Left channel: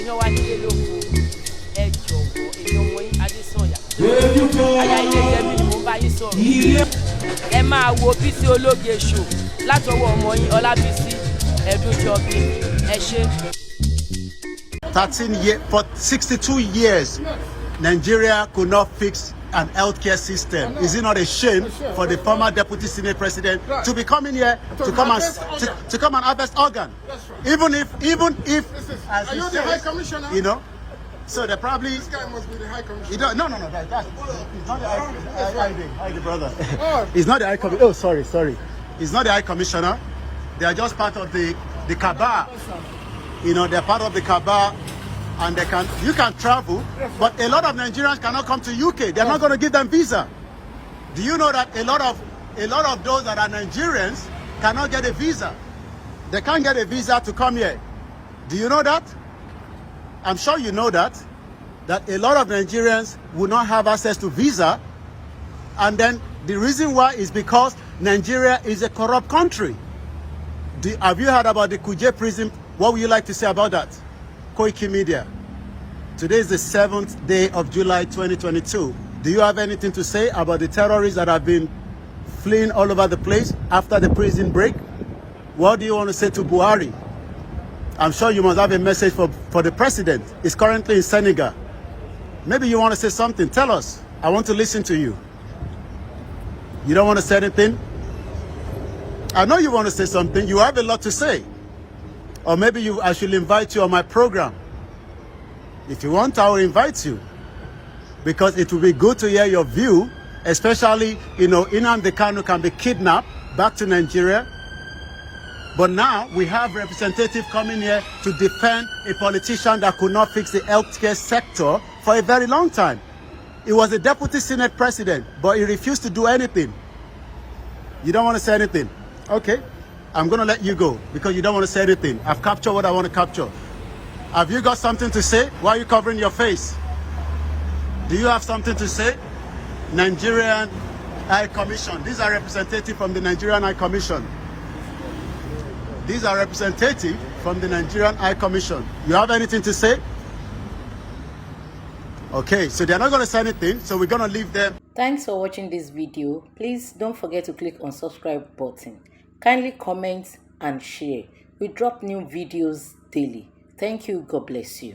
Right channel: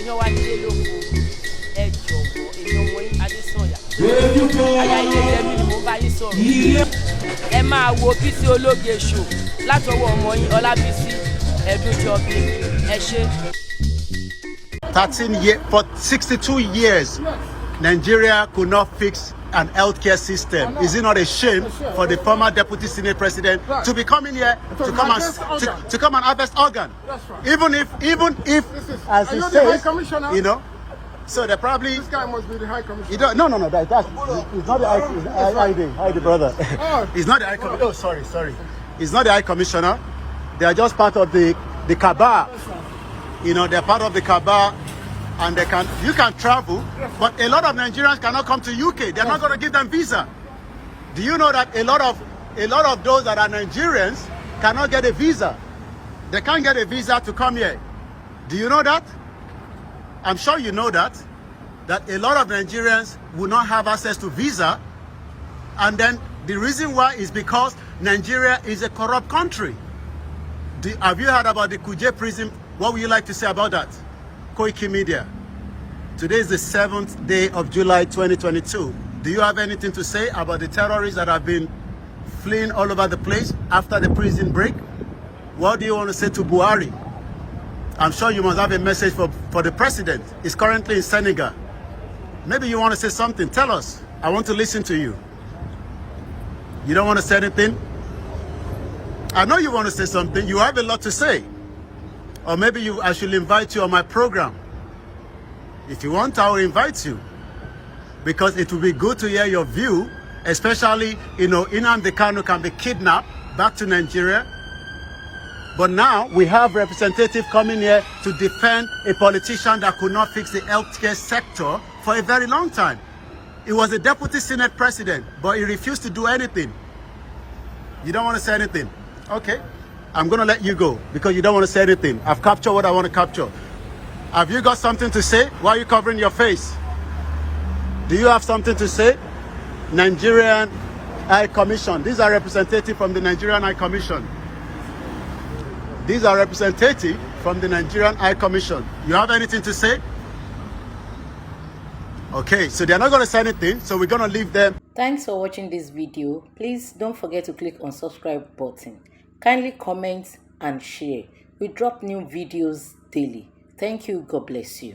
èèyàn wá nílé lóko ẹ jọ̀wọ́ èmi ọmọ yín Adésànyà aya ilé Yẹmí ni mo bá yín sọ̀rọ̀ ẹ máa wo Bísí Ológe show látọwọ́ ọmọ yín Ọlábísí Ẹ̀dúnjọbí ẹ ṣé. 13 years, for 62 years, Nigeria could not fix an healthcare system. Is it not a shame for the former deputy senate president to be coming here to come and harvest organ? Even if, as he says, you know, so they probably. This guy must be the high commissioner. No, that's it's not the high brother. It's not the high commissioner. Oh, sorry. It's not the high commissioner. They are just part of the cabal. You know, they're part of the cabal, and you can travel, but a lot of Nigerians cannot come to UK. They're not going to give them visa. Do you know that a lot of those that are Nigerians cannot get a visa? They can't get a visa to come here. Do you know that? I'm sure you know that a lot of Nigerians will not have access to visa, and then the reason why is because Nigeria is a corrupt country. Have you heard about the Kuje prison? What would you like to say about that? Koiki Media. Today is the 7th day of July 2022. Do you have anything to say about the terrorists that have been fleeing all over the place after the prison break? What do you want to say to Buhari? I'm sure you must have a message for the president. He's currently in Senegal. Maybe you want to say something. Tell us. I want to listen to you. You don't want to say anything? I know you want to say something. You have a lot to say. Or maybe I should invite you on my program. If you want, I will invite you. Because it will be good to hear your view, especially, you know, Nnamdi Kanu can be kidnapped back to Nigeria. But now we have representatives coming here to defend a politician that could not fix the healthcare sector for a very long time. He was a deputy senate president, but he refused to do anything. You don't want to say anything? Okay. I'm going to let you go because you don't want to say anything. I've captured what I want to capture. Have you got something to say? Why are you covering your face? Do you have something to say? Nigerian High Commission. These are representatives from the Nigerian High Commission. These are representatives from the Nigerian High Commission. You have anything to say? Okay, so they're not going to say anything, so we're going to leave them. Thanks for watching this video. Please don't forget to click on subscribe button. Kindly comment and share. We drop new videos daily. Thank you. God bless you.